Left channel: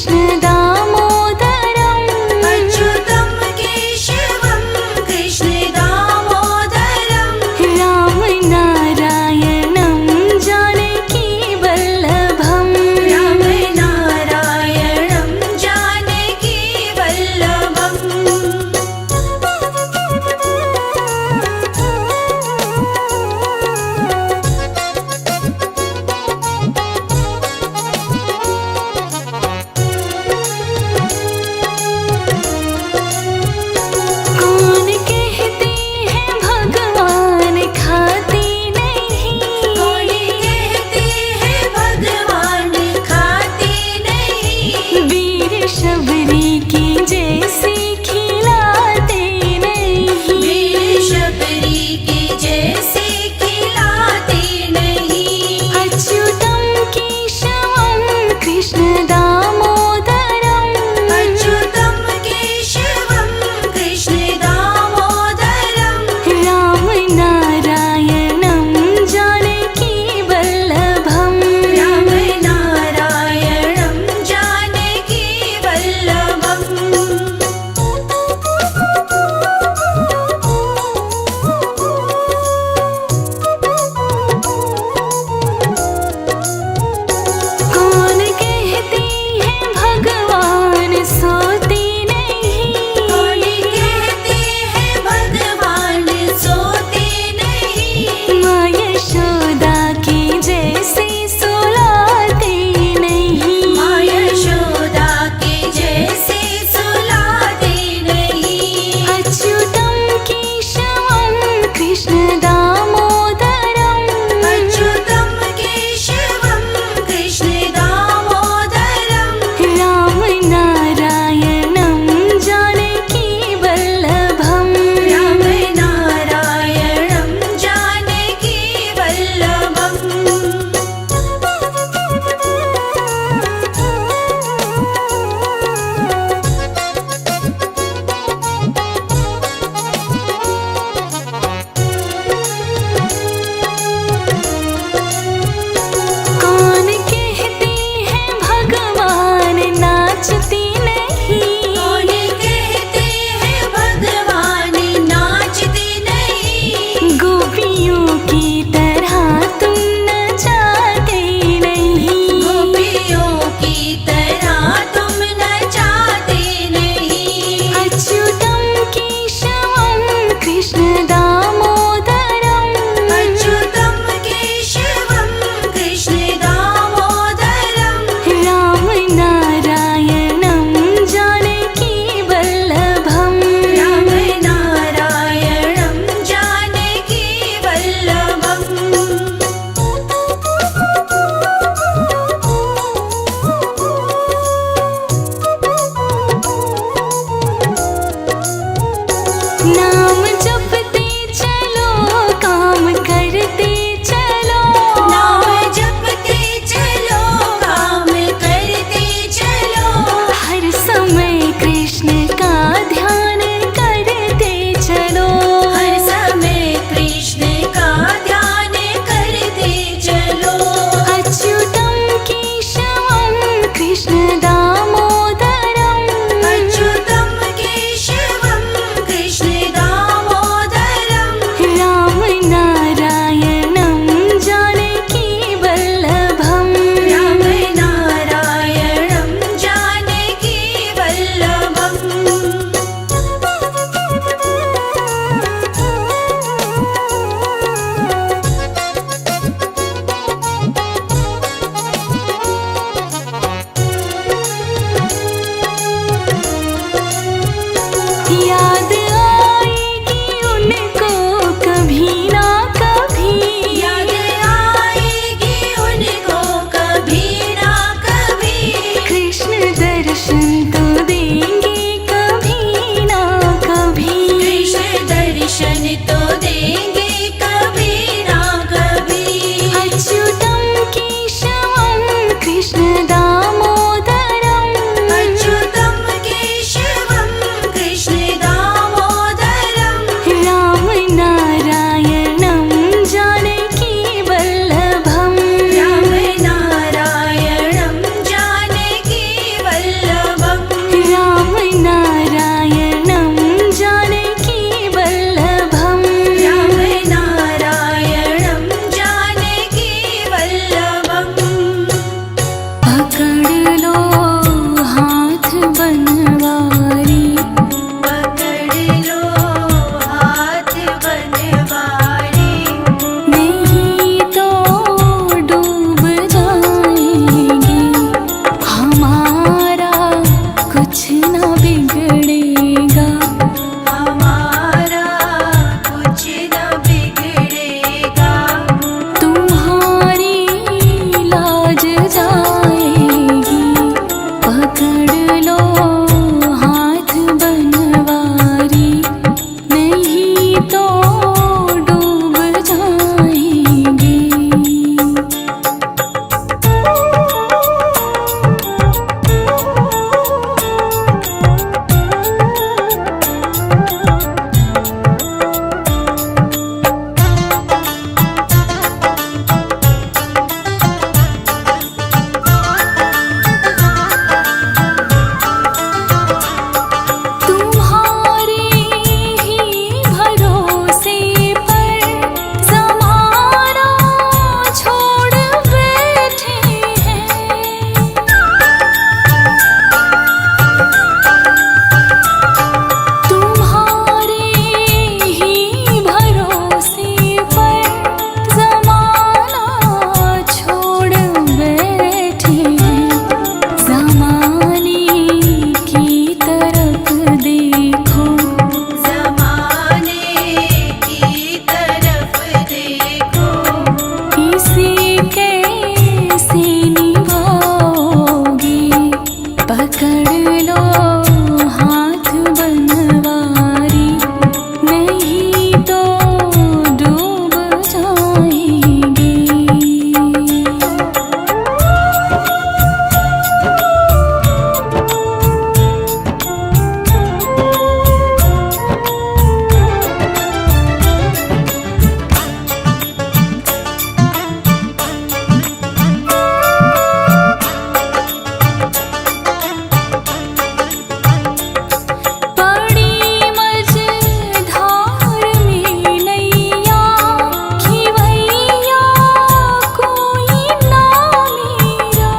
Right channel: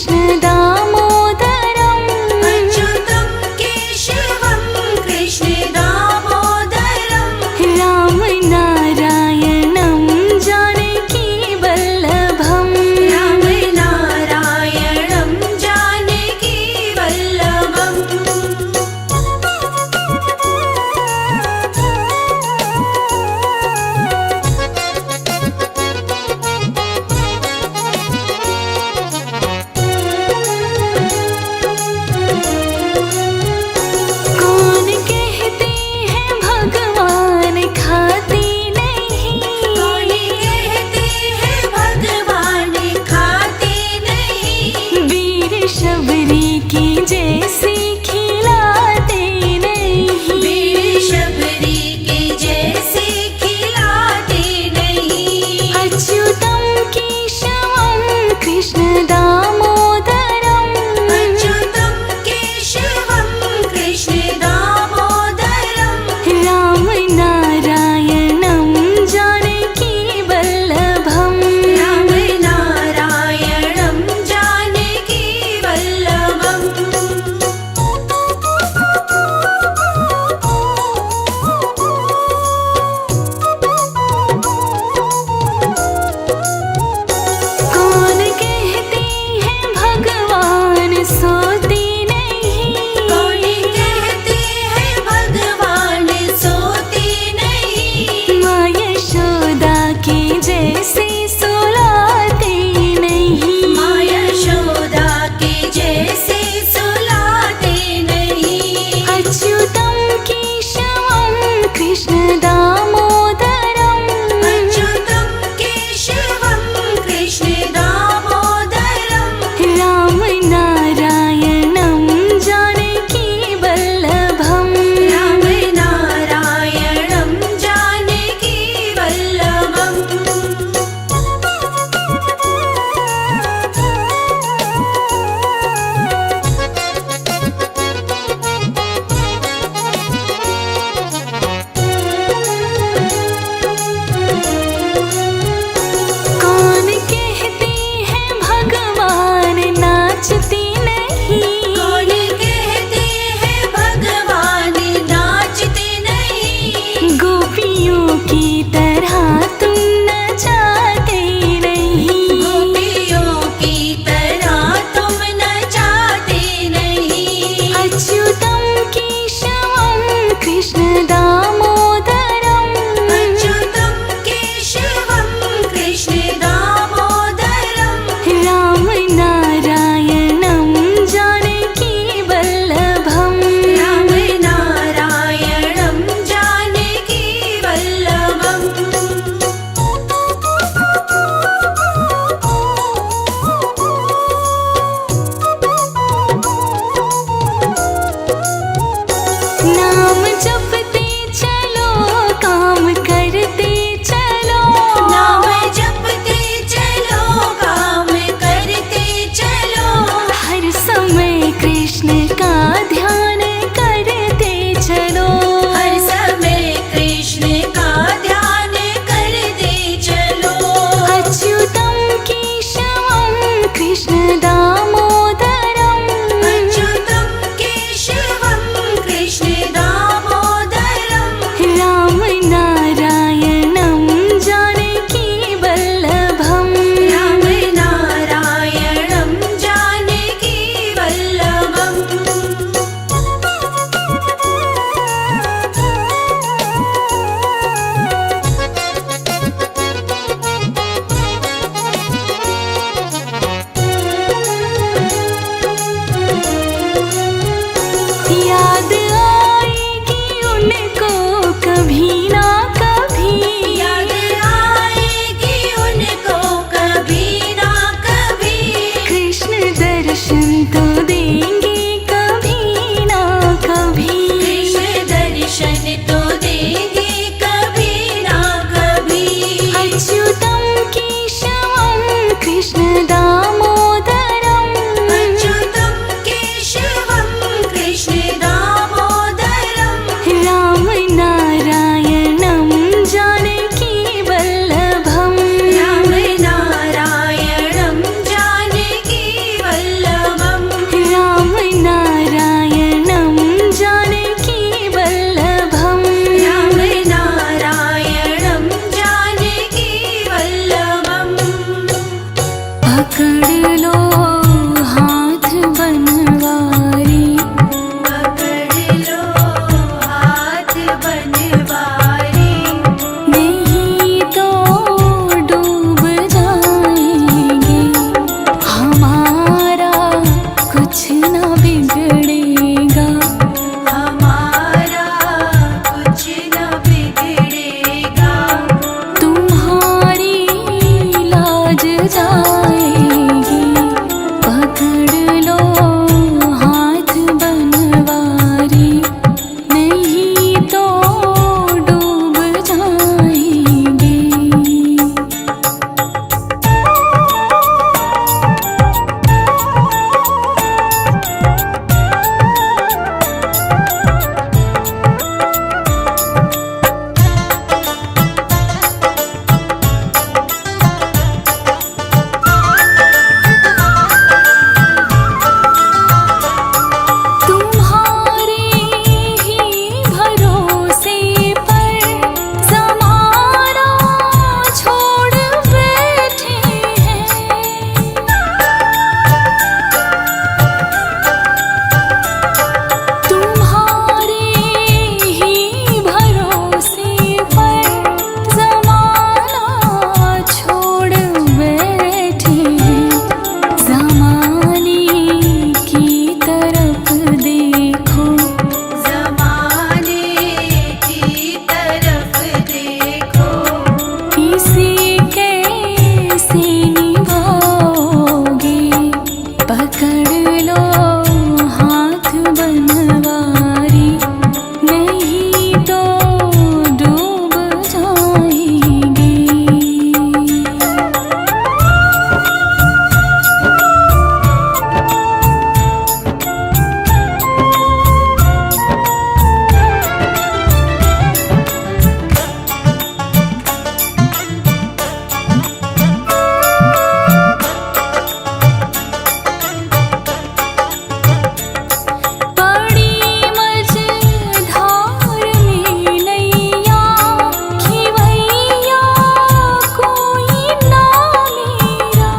कृष्ण दामोदरम् अच्युतं केशवं कृष्ण दामोदरम् राम नारायणं जानकी वल्लभम् राम नारायणं जानकी वल्लभम् कौन कहते हैं भगवान खाते नहीं कौन कहते हैं भगवान खाते नहीं वीर शबरी की जैसे खिलाते नहीं वीर शबरी की जैसे खिलाते नहीं अच्युतं केशवं कृष्ण दामोदरम् अच्युतं केशवं कृष्ण दामोदरम् राम नारायणं जानकी वल्लभम् राम नारायणं जानकी वल्लभम् कौन कहते हैं भगवान सोते नहीं कौन कहते हैं भगवान सोते नहीं माँ यशोदा की जैसे सुलाते नहीं माँ यशोदा के जैसे सुलाते नहीं अच्युतं केशवं कृष्ण दामोदरम् अच्युतं केशवं कृष्ण दामोदरम् राम नारायणं जानकी वल्लभम् राम नारायणं जानकी वल्लभम् कौन कहते हैं भगवान नाचते नहीं कौन कहते हैं भगवान नाचते नहीं गोपियों की तरह तुम नचाते नहीं गोपियों की तरह तुम नचाते नहीं अच्युतं केशवं कृष्ण दामोदरम् अच्युतं केशवं कृष्ण दामोदरम् राम नारायणं जानकी वल्लभम् राम नारायणं जानकी वल्लभम् नाम जपते चलो काम करते चलो नाम जपते चलो काम करते चलो हर समय कृष्ण का ध्यान करते चलो हर समय कृष्ण का ध्यान करते चलो अच्युतं केशवं कृष्ण दामोदरम् अच्युतं केशवं कृष्ण दामोदरम् राम नारायणं जानकी वल्लभम् राम नारायणं जानकी वल्लभम् याद आएगी उनको कभी ना कभी याद आएगी उनको कभी ना कभी कृष्ण दर्शन तो देंगे कभी ना कभी कृष्ण दर्शन तो देंगे कभी ना कभी अच्युतं केशवं कृष्ण दामोदरम् अच्युतं केशवं कृष्ण दामोदरम् राम नारायणं जानकी वल्लभम् राम नारायणं जानकी वल्लभम् पकड़ लो हाथ बनवारी, पकड़ लो हाथ बनवारी, नहीं तो डूब जाएंगे, हमारा कुछ ना बिगड़ेगा, हमारा कुछ न बिगड़ेगा, तुम्हारी लाज जाएगी, पकड़ लो हाथ बनवारी, नहीं तो डूब जाएंगे। तुम्हारे ही भरोसे पर ज़माना छोड़ बैठे हैं, तुम्हारे ही भरोसे पर ज़माना छोड़ बैठे हैं, ज़माने की तरफ देखो, ज़माने की तरफ देखो, इसे कैसे निभाओगे, पकड़ लो हाथ बनवारी, नहीं तो डूब जाएंगे। बड़ी मझधार में नैया खिवैया कोई ना मेरा,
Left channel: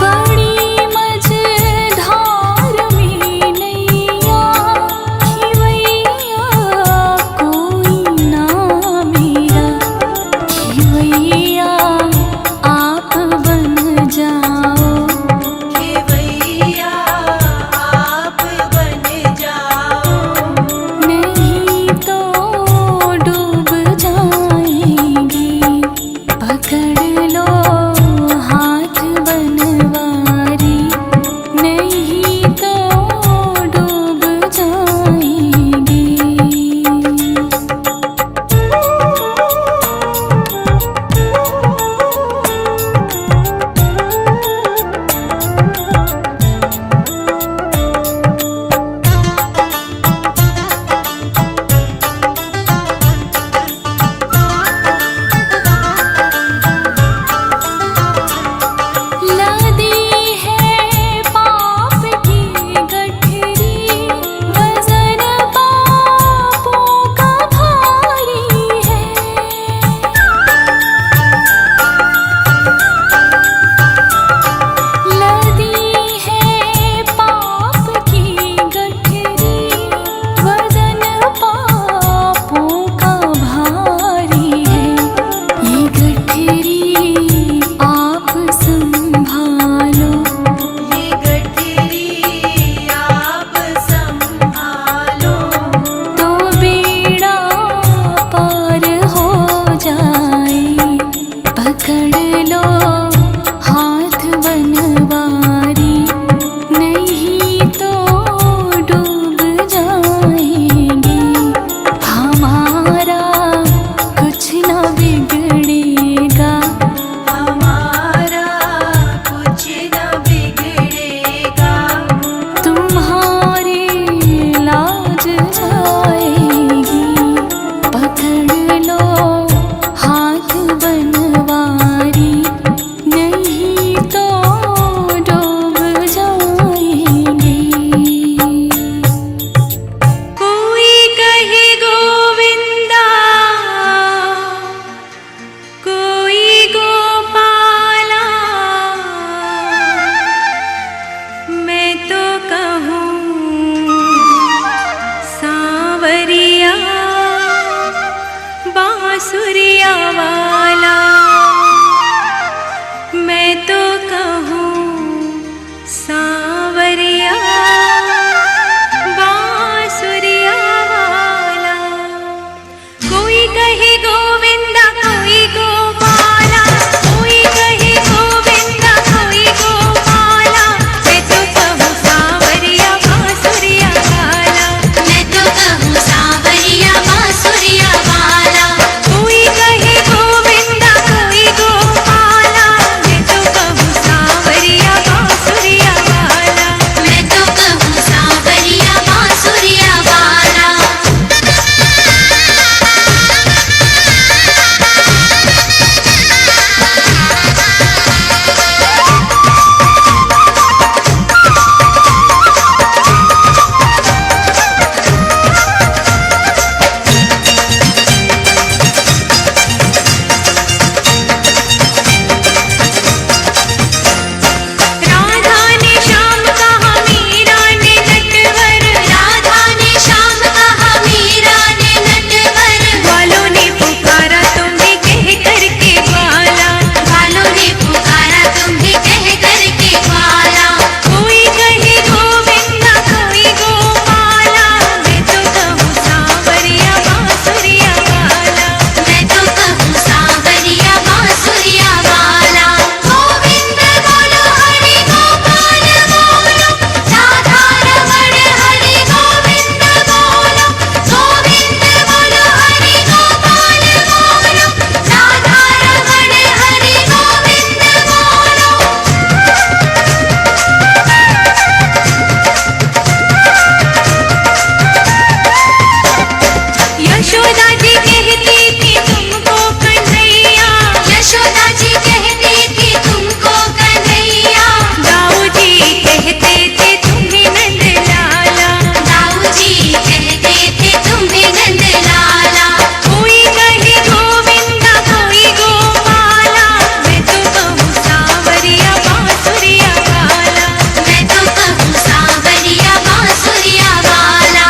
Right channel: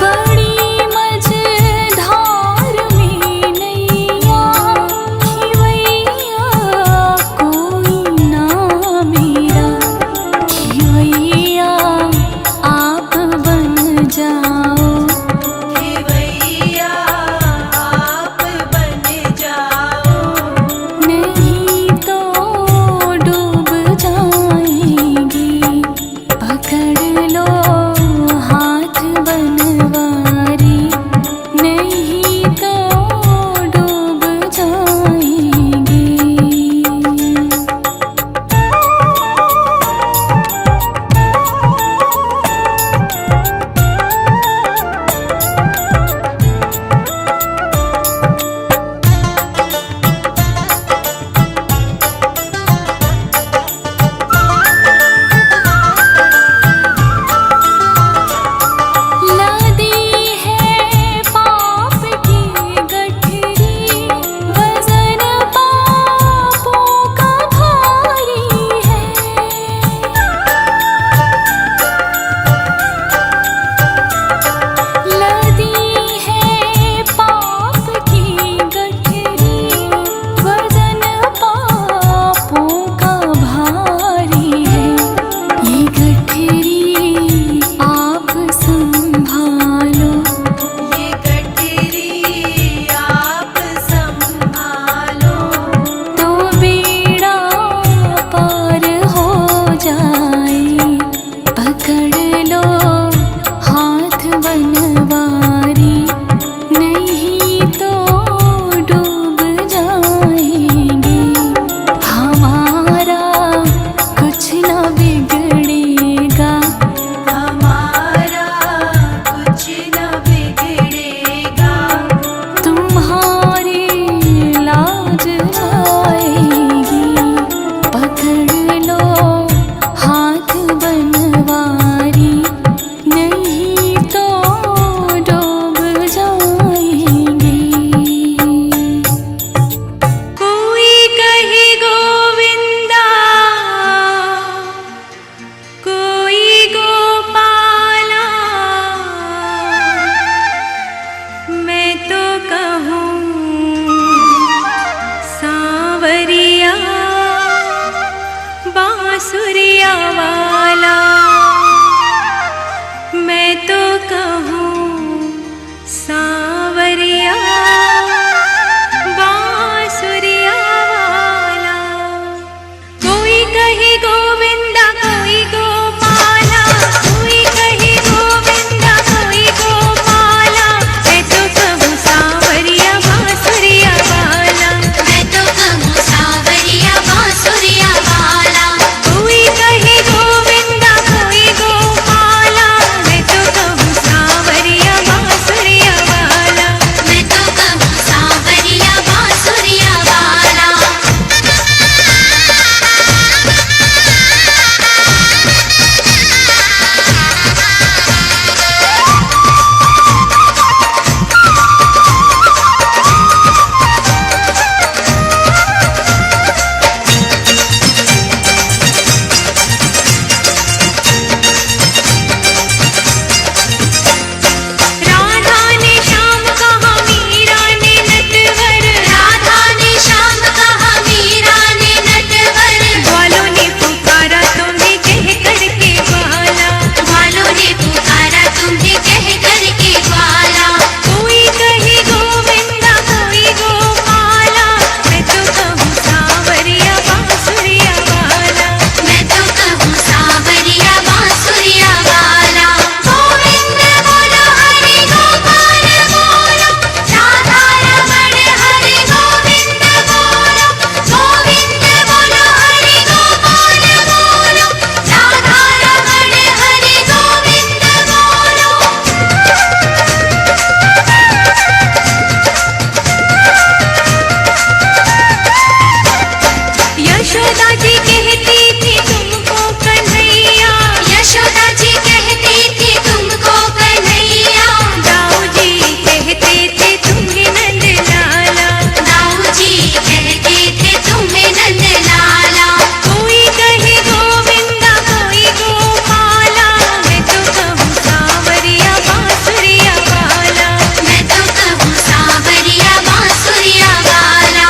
बड़ी मझधार में नैया खिवैया कोई ना मेरा, खिवैया आप बन जाओ, खेवैया आप बन जाओ, नहीं तो डूब जाएंगे, पकड़ लो हाथ बनवारी, नहीं तो डूब जाएंगे। लदी है पाप की गठरी, वजन पापों का भारी है, लदी है पाप की गठरी, वजन पापों का भारी है, ये गठरी आप संभालो, ये गठरी आप संभालो, तो बेड़ा पार हो जाए, पकड़ लो हाथ बनवारी, नहीं तो डूब जाएंगे, हमारा कुछ ना बिगड़ेगा, हमारा कुछ न बिगड़ेगा, तुम्हारी लाज जाएगी, पकड़ लो हाथ बनवारी, नहीं तो डूब जाएंगे। कोई कहे गोविंदा, बांसुरिया वाला। मैं तो कहूँ सांवरिया बांसुरिया वाला। कोई कहे गोविंदा कोई गोपाला, कोई कहे गोविंदा कोई गोपाला। मैं तो कहूँ सांवरिया बांसुरिया वाला। मैं तो कहूँ सांवरिया बांसुरिया वाला। कोई कहे गोविंदा कोई गोपाला। मैं तो कहूँ सांवरिया बांसुरिया वाला। मैं तो कहूँ सांवरिया बांसुरिया वाला। राधा ने श्याम कहा मीरा ने नटवर। राधा ने श्याम कहा मीरा ने नटवर। ग्वालों ने पुकारा तुम्हें कह करके ग्वाला। ग्वालों ने पुकारा तुम्हें कह करके ग्वाला। कोई कहे गोविंदा कोई गोपाला। मैं तो कहूँ सांवरिया बांसुरिया वाला। मैं तो कहूँ सांवरिया बांसुरिया वाला। गोविंद बोलो हरि गोपाल बोलो, राधा रमण हरि गोविंद बोलो। गोविंद बोलो हरि गोपाल बोलो, राधा रमण हरि गोविंद बोलो। यशोदा जी कहती थी तुमको कन्हैया। यशोदा जी कहती थी तुमको कन्हैया। दाऊ जी कहते थे तुम्हें नंद लाला। दाऊ जी कहते थे तुम्हें नंद लाला। कोई कहे गोविंदा कोई गोपाला। मैं तो कहूँ सांवरिया बांसुरिया वाला। मैं तो कहूँ सांवरिया बांसुरिया वाला।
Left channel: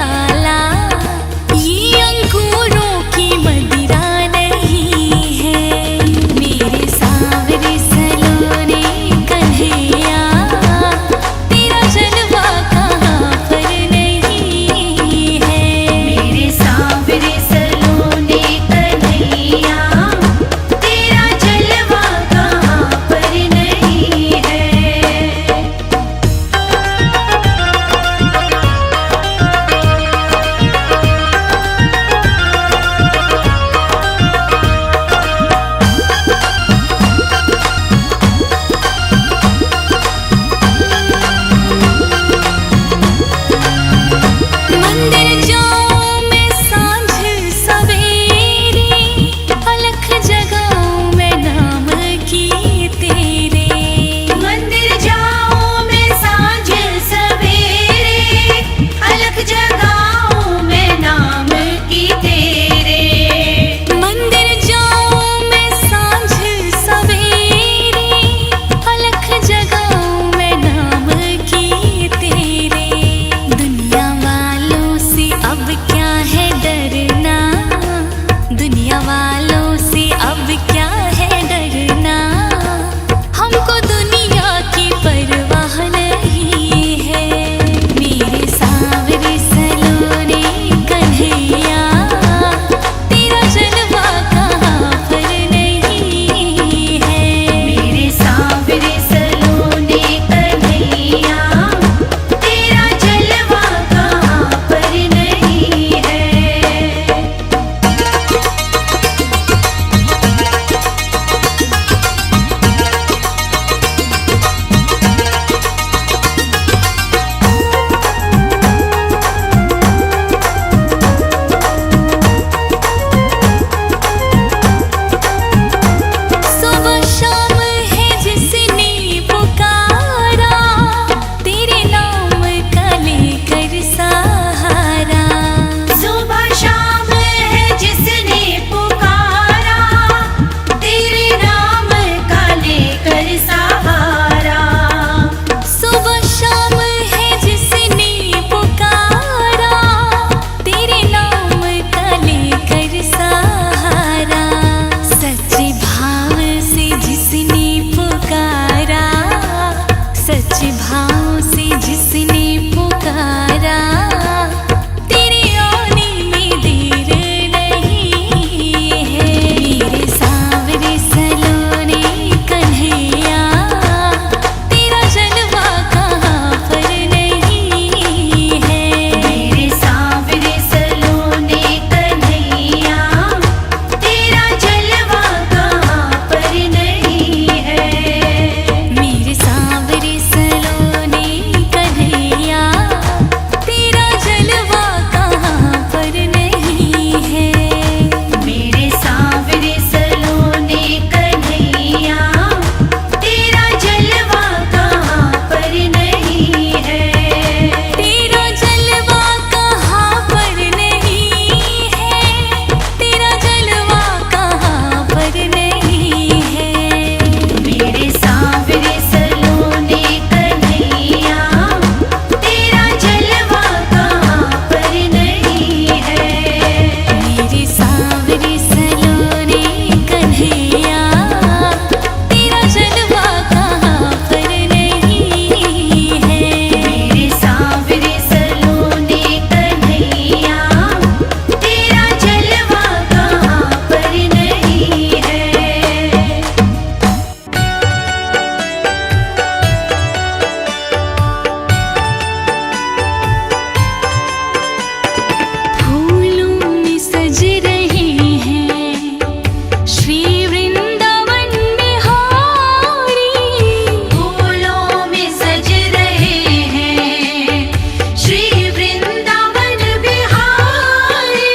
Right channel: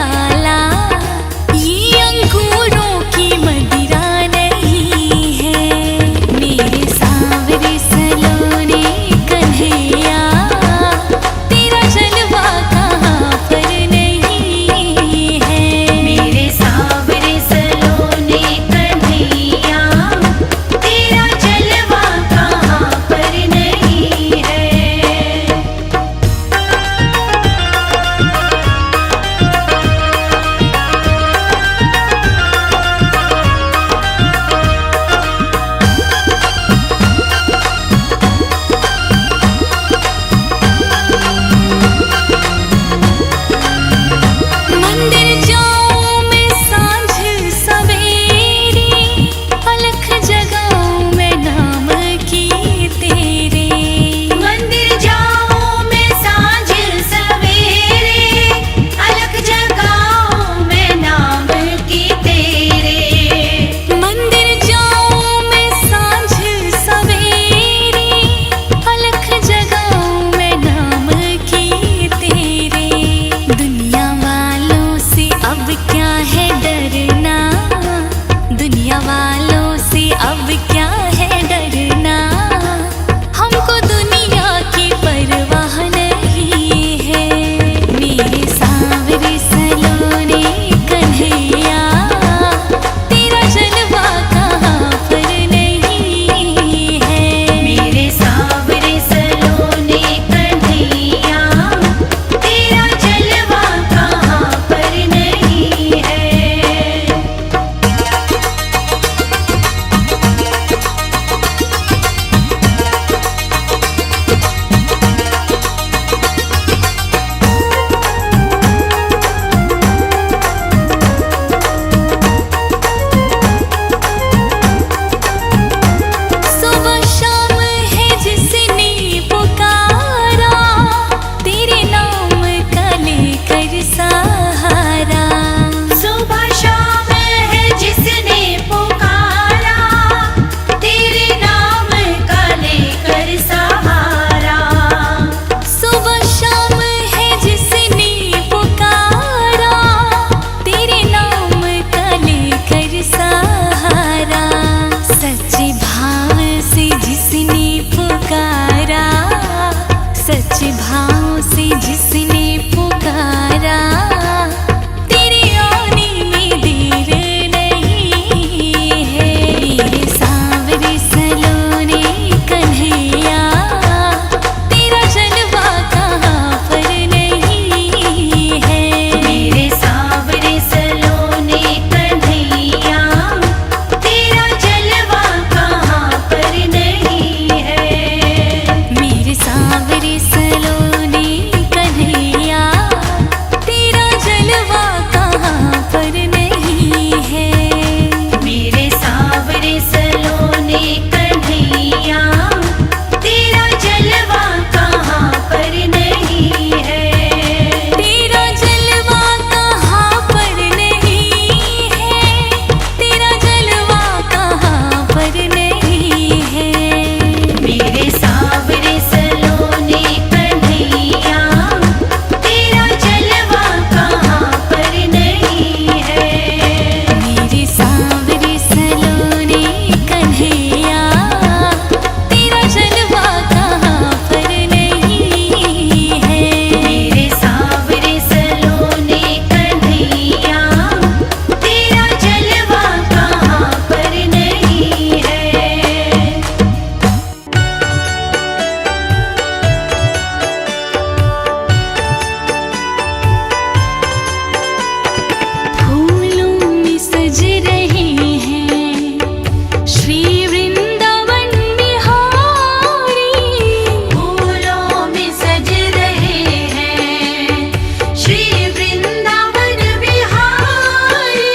प्याला, ये अंगूरों की मदिरा नहीं है। मेरे सांवरे सलोने कन्हैया, तेरा जलवा कहाँ पर नहीं है। मेरे सांवरे सलोने कन्हैया, तेरा जलवा कहाँ पर नहीं है। मंदिर जाऊं मैं सांझ सवेरे, अलख जगाऊं मैं नाम की तेरे। मंदिर जाऊं मैं सांझ सवेरे, अलग जगाऊं मैं नाम की तेरे। मंदिर जाऊं मैं सांझ सवेरे, अलख जगाऊं मैं नाम की तेरे। दुनिया वालों से अब क्या है डरना, दुनिया वालों से अब क्या है डरना। हमको दुनिया की परवाह नहीं है। मेरे सांवरे सलोने कन्हैया, तेरा जलवा कहाँ पर नहीं है। मेरे सांवरे सलोने कन्हैया, तेरा जलवा कहाँ पर नहीं है। सुबह शाम है जिसने पुकारा, तेरे नाम का लेकर सहारा। सुबह शाम है जिसने पुकारा, तेरे नाम का लेकर सहारा। सुबह शाम है जिसने पुकारा, तेरे नाम का लेकर सहारा। सच्चे भाव से जिसने पुकारा, सच्चे भाव से जिसने पुकारा, तेरे आने में देर नहीं है। मेरे सांवरे सलोने कन्हैया, तेरा जलवा कहाँ पर नहीं है। मेरे सांवरे सलोने कन्हैया, तेरा जलवा कहाँ पर नहीं है। मेरे सांवरे सलोने कन्हैया, तेरा जलवा कहाँ पर नहीं है। मेरे सांवरे सलोने कन्हैया, तेरा जलवा कहाँ पर नहीं है। तेरा जलवा कहाँ पर नहीं है, तेरा जलवा कहाँ पर नहीं है। मेरे सांवरे सलोने कन्हैया, तेरा जलवा कहाँ पर नहीं है। मेरे सांवरे सलोने कन्हैया, तेरा जलवा कहाँ पर नहीं है। मेरे सांवरे सलोने कन्हैया, तेरा जलवा कहाँ पर नहीं है। फूलों में सज रहे हैं श्री वृंदावन बिहारी। फूलों में सज रहे हैं श्री वृंदावन बिहारी।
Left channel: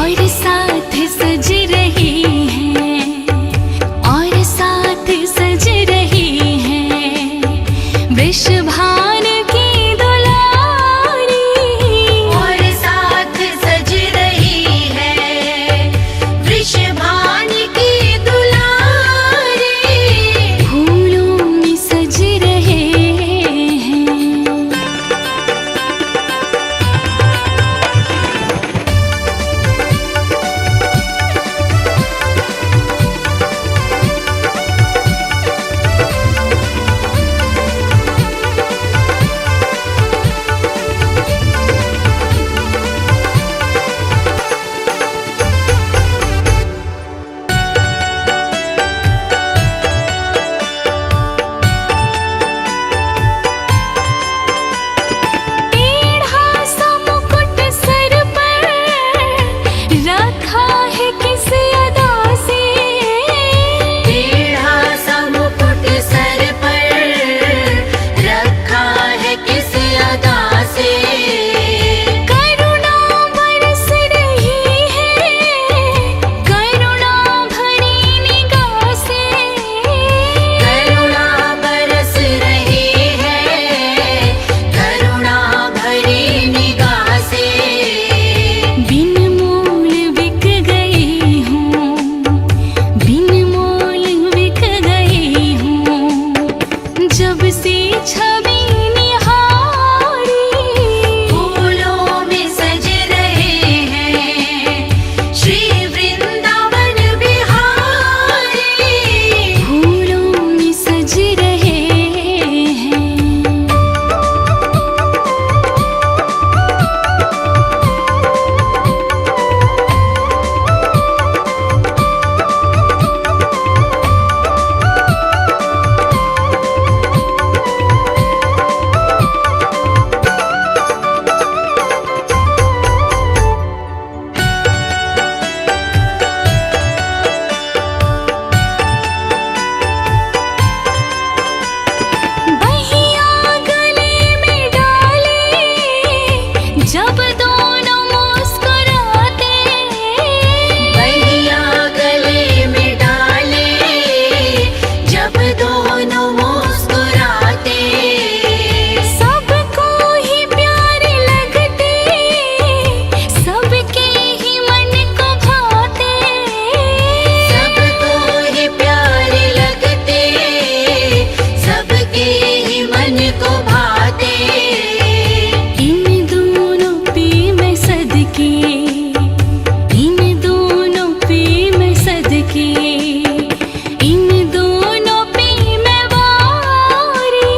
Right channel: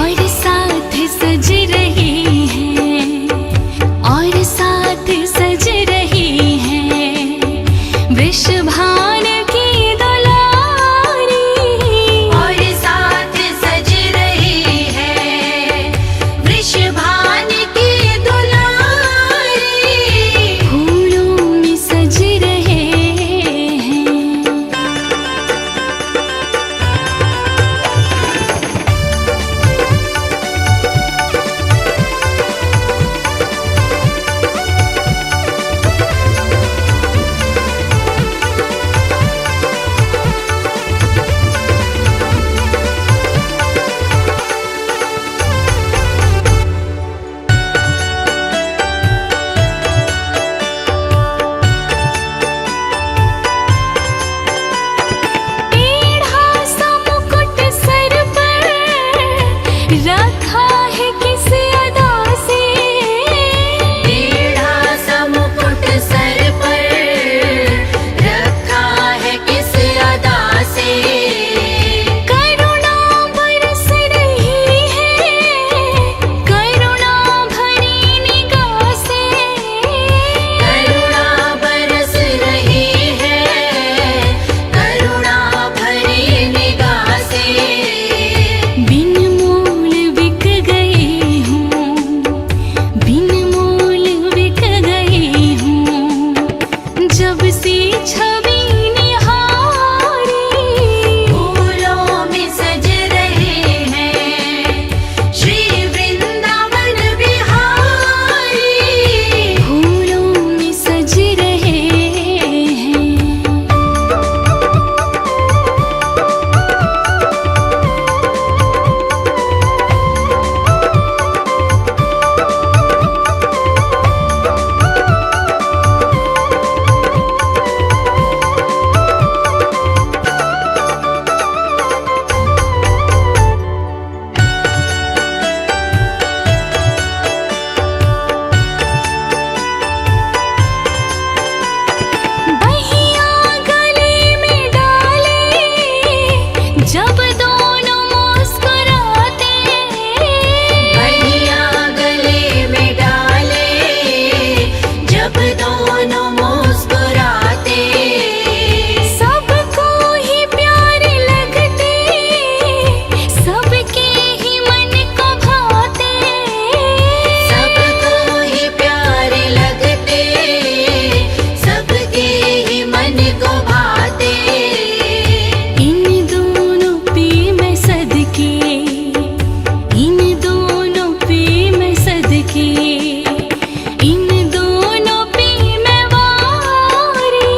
और साथ सज रहे हैं, और साथ सज रहे हैं वृषभान की दुलारी। और साथ सज रही है वृषभान की दुलारी। फूलों में सज रहे हैं। छवि निहारी। फूलों में सज रहे हैं श्री वृंदावन बिहारी। फूलों में सज रहे हैं। बहिया गले में डाले जब दोनों मुस्कुराते। बहिया गले में डाले जब दोनों मुस्कुराते। सबको ही प्यारे लगते, सबके ही मन को भाते। सबको ही प्यारे लगते, सबके ही मन को भाते। इन दोनों पे मैं सदके, इन दोनों पे मैं सदके, इन दोनों पे मैं वारी।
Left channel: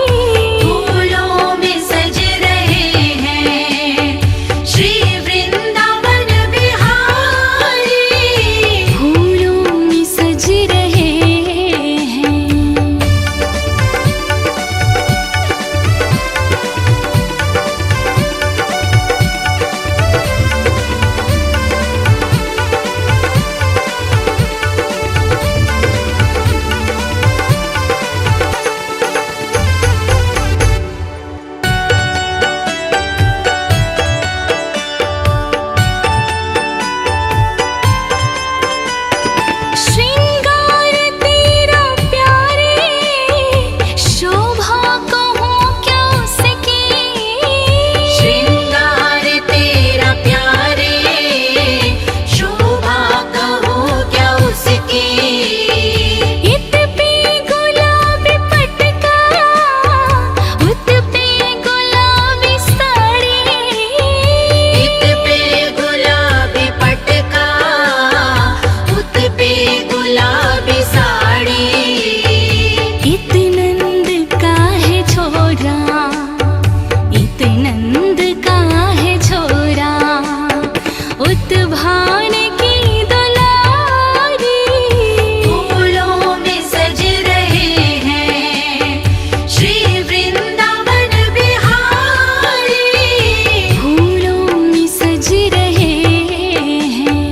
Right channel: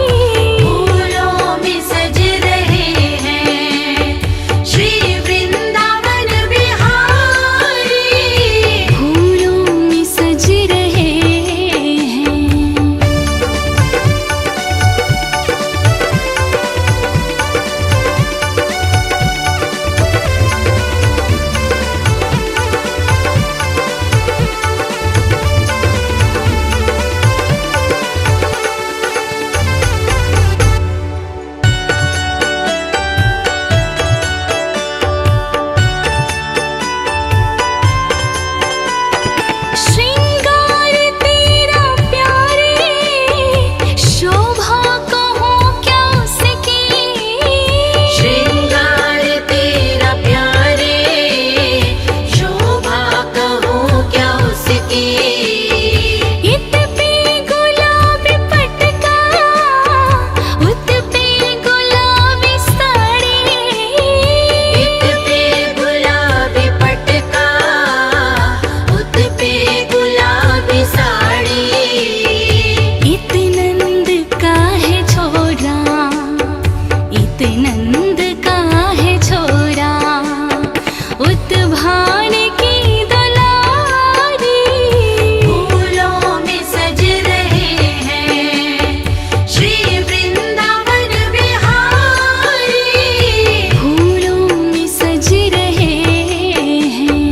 फूलों में सज रहे हैं श्री वृंदावन बिहारी। फूलों में सज रहे हैं। श्रृंगार तेरा प्यारे, शोभा कहूँ क्या उसकी। श्रृंगार तेरा प्यारे, शोभा कहूँ क्या उसकी। इत पे गुलाबी पटका, उत पे गुलाबी साड़ी। इत पे गुलाबी पटका, उत पे गुलाबी साड़ी। इत नंद का है छोरा, इत नंद का है छोरा, उत भान की दुलारी। फूलों में सज रहे हैं श्री वृंदावन बिहारी। फूलों में सज रहे हैं।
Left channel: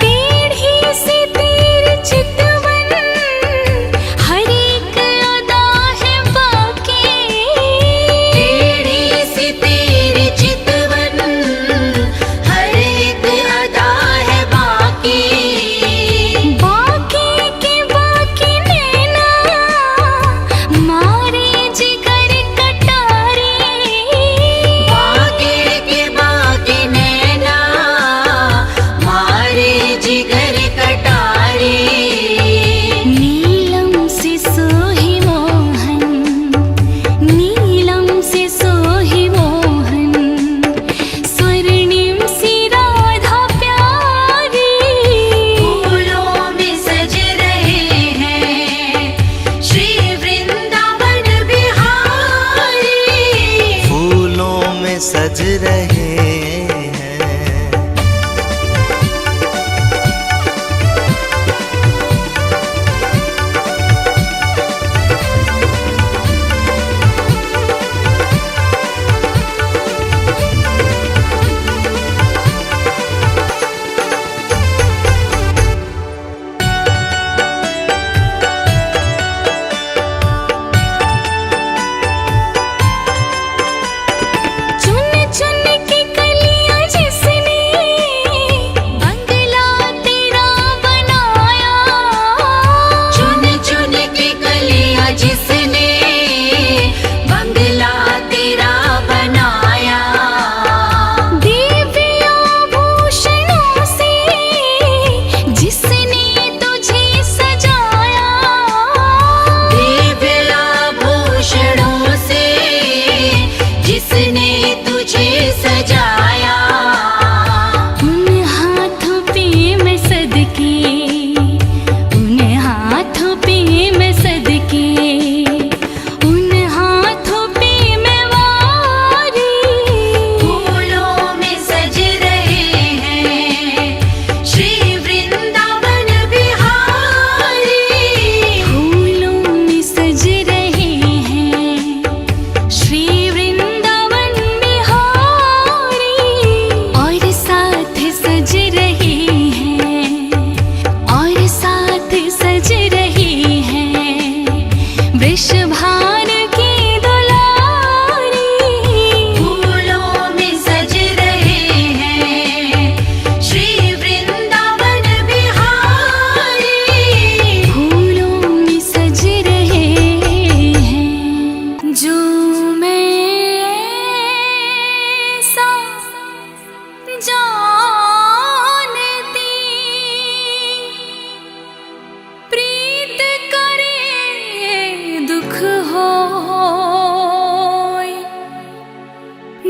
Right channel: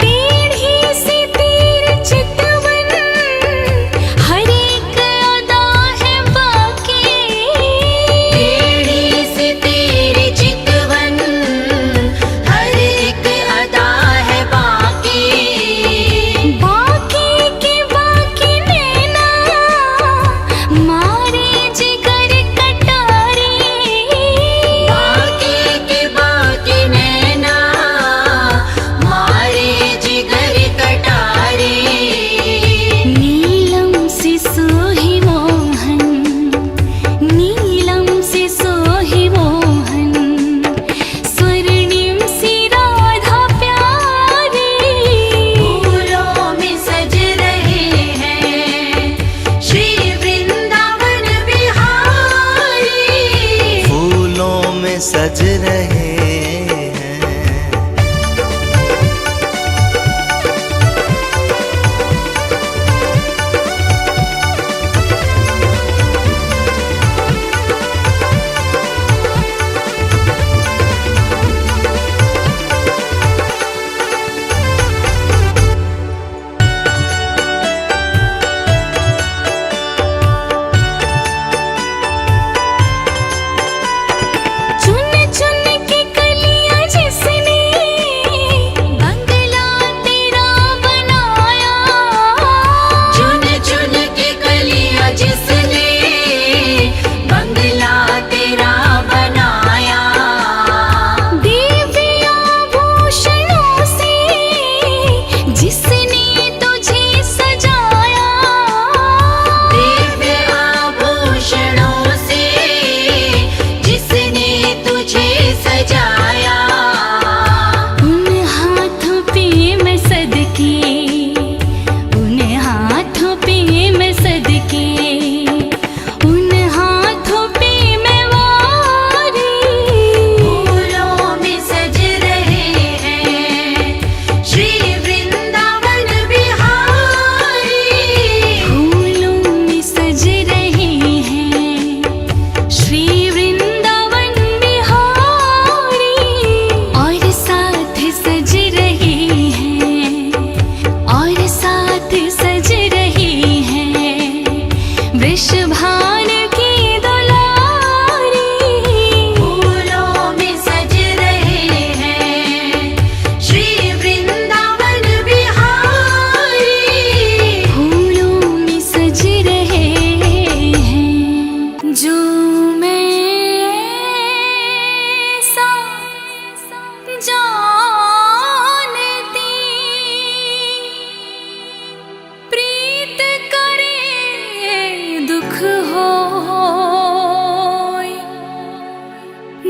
टेढ़ी सी तेरी चितवन, हर एक अदा है बाकी। टेढ़ी सी तेरी चितवन, हर एक अदा है बाकी। बाकी के बाकी नैना, मारे जिगर कटारी। बाकी के बाकी नैना, मारे जिगर कटारे। नीलम से सोही मोहन, नीलम से सोही मोहन, स्वर्णिम सी राधा प्यारी। फूलों में सज रहे हैं श्री वृंदावन बिहारी। फूलों में सज रहे हैं।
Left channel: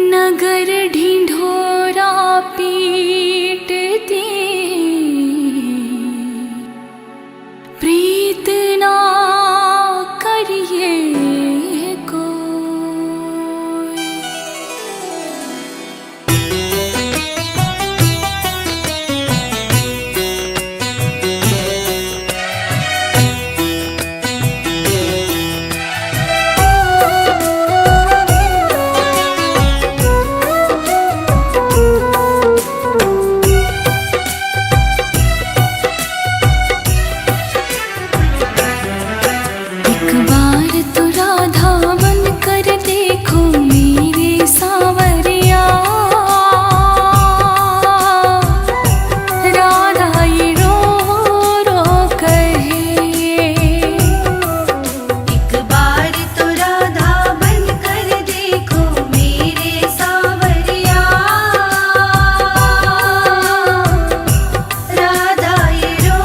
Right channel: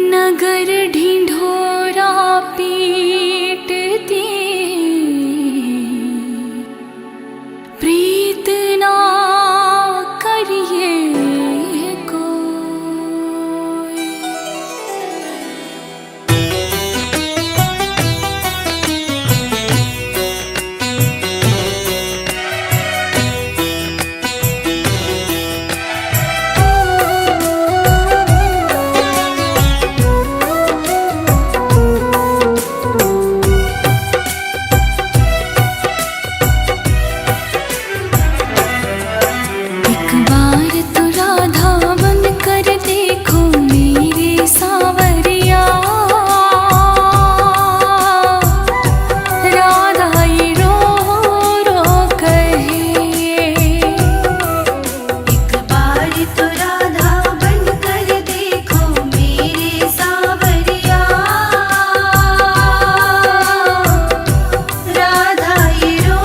नगर ढिंढोरा पीटती प्रीत ना करिए कोई। एक बार तो राधा बन कर देखो मेरे सावरिया, राधा ये रो रो कहे। एक बार तो राधा बन कर देखो मेरे सावरिया, राधा ये रो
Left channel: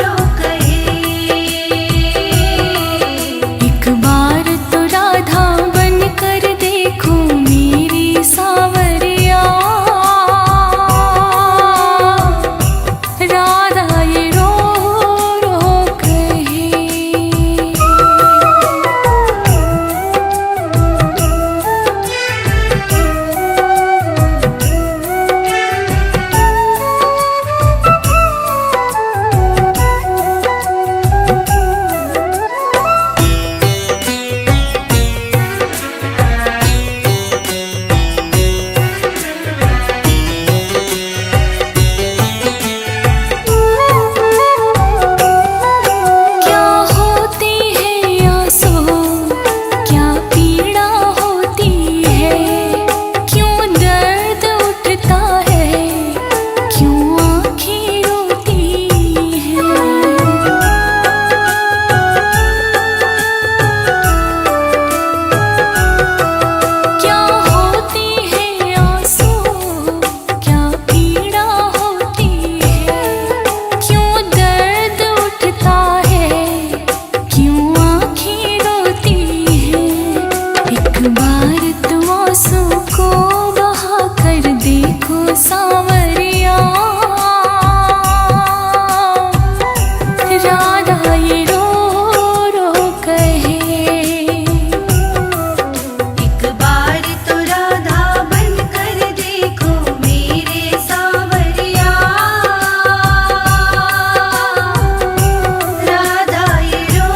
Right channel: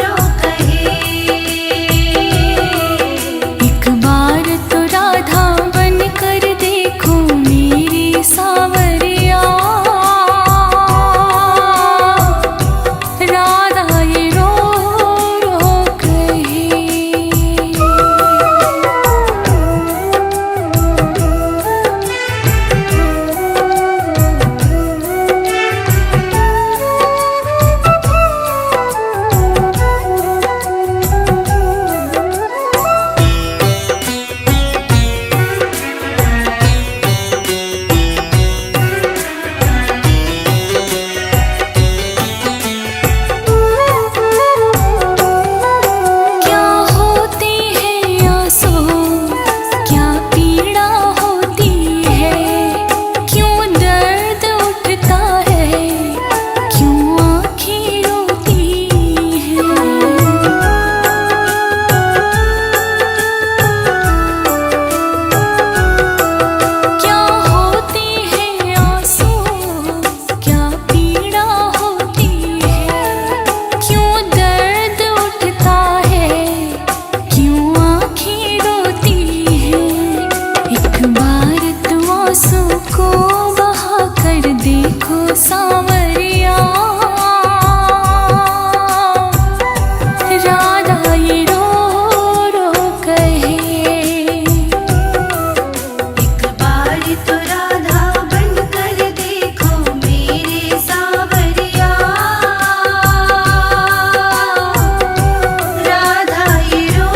रो कहे। एक बार तो राधा बन कर देखो मेरी सावरिया, राधा ये रो रो कहे। क्या होती है आंसू, क्या पीड़ा होती है, क्यों दर्द उठता है, क्यों आँखें रोती हैं। क्या होती है आंसू, क्या पीड़ा होती है, क्यों दर्द उठता है, क्यों आँखें रोती हैं। एक बार तो आंसू को बहा कर देखो सावरिया, राधा ये रो रो कहे। एक बार तो राधा बन कर देखो मेरे सावरिया, राधा ये रो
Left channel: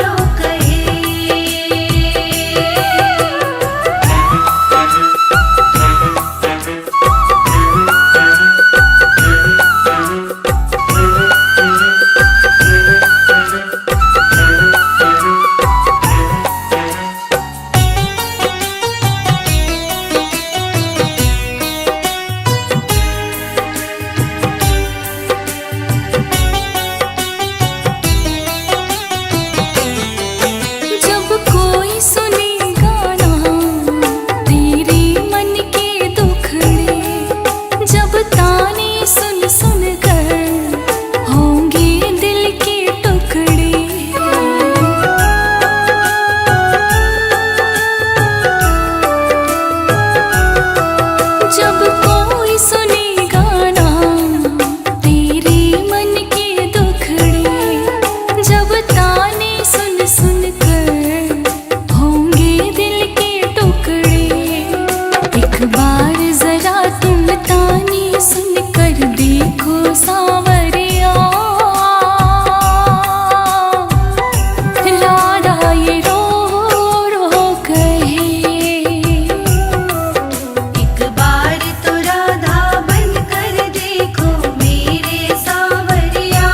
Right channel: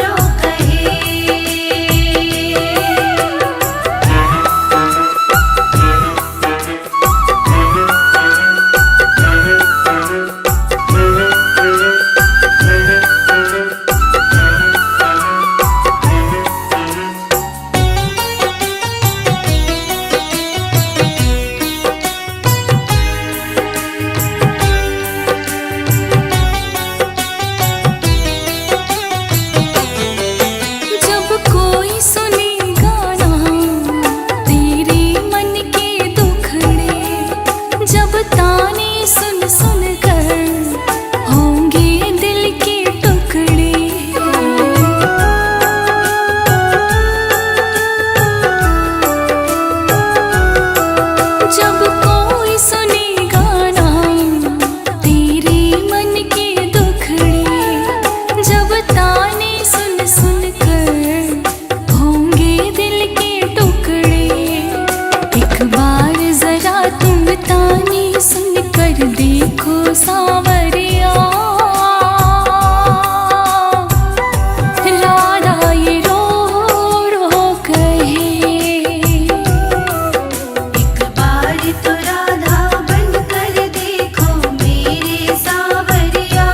रो कहे। जब कोई सुने गाना तेरे मन के दुखड़े, जब ताने सुन सुन कर होंगे दिल के टुकड़े। जब कोई सुने गाना तेरे मन के दुखड़े, जब ताने सुन सुन कर होंगे दिल के टुकड़े। एक बार जरा तुम ताने सुन कर देखो सावरिया, राधा ये रो रो कहे। एक बार तो राधा बन कर देखो मेरे सावरिया,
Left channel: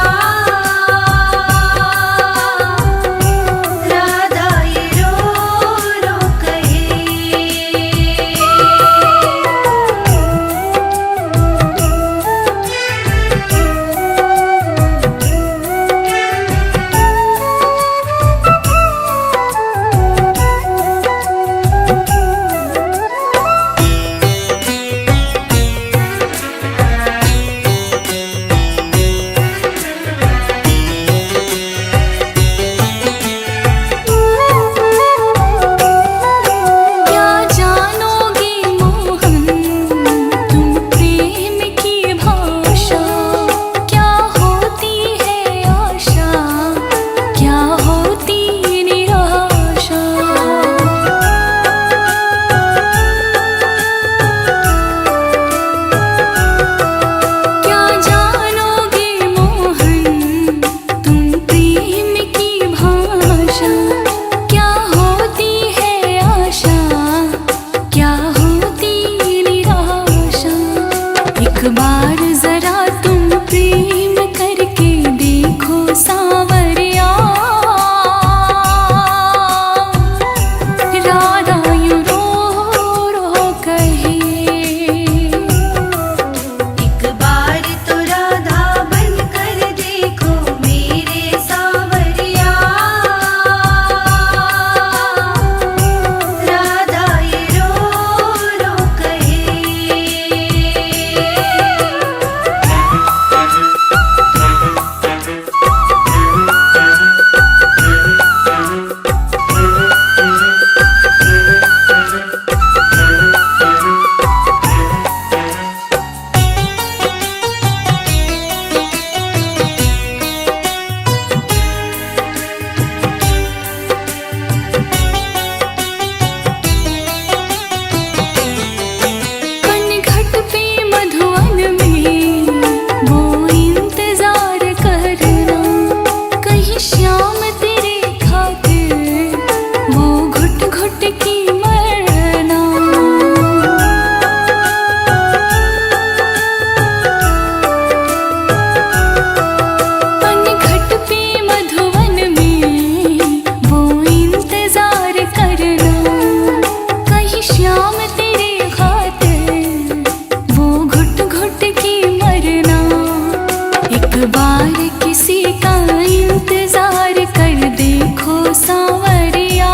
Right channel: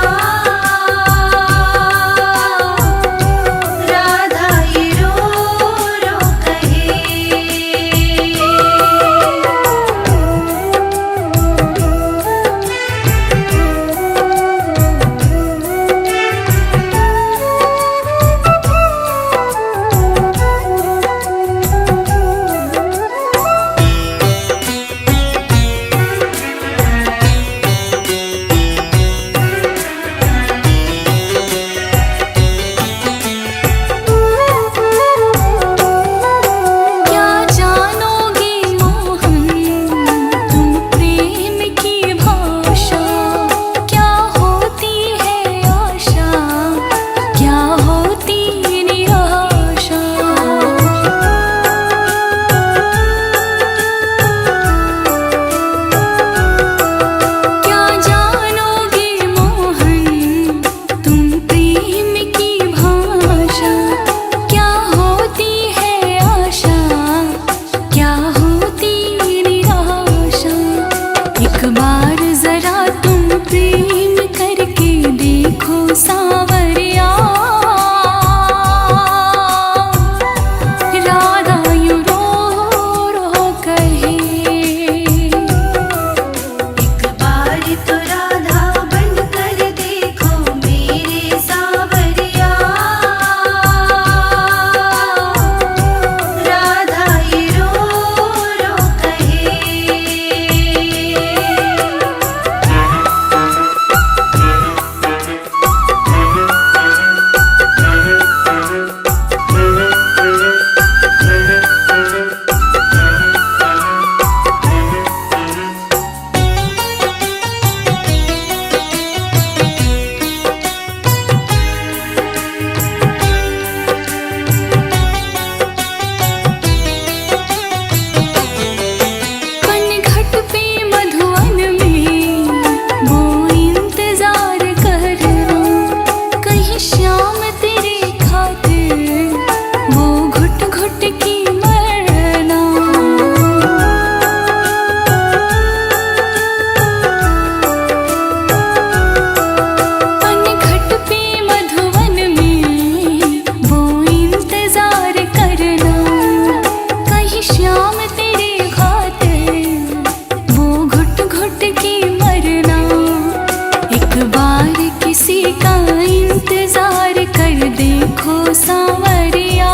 राधा ये रो रो कहे। क्या होती निराशा। एक बार जरा तुम प्रेम करके देखो सावरिया। राधा यूं रो रो कहे, एक बार तो राधा बन कर देखो मेरे सावरिया। राधा ये रो रो कहे। पनघट पे मधुवन में वो इंतजार करना, कहीं श्याम तेरे खातिर वो घुट घुट की मरना। पनघट पे मधुवन में वो इंतजार करना, कहीं श्याम तेरे खातिर वो घुट घुट की मरना। एक बार किसी का इंतजार कर देखो सावरिया।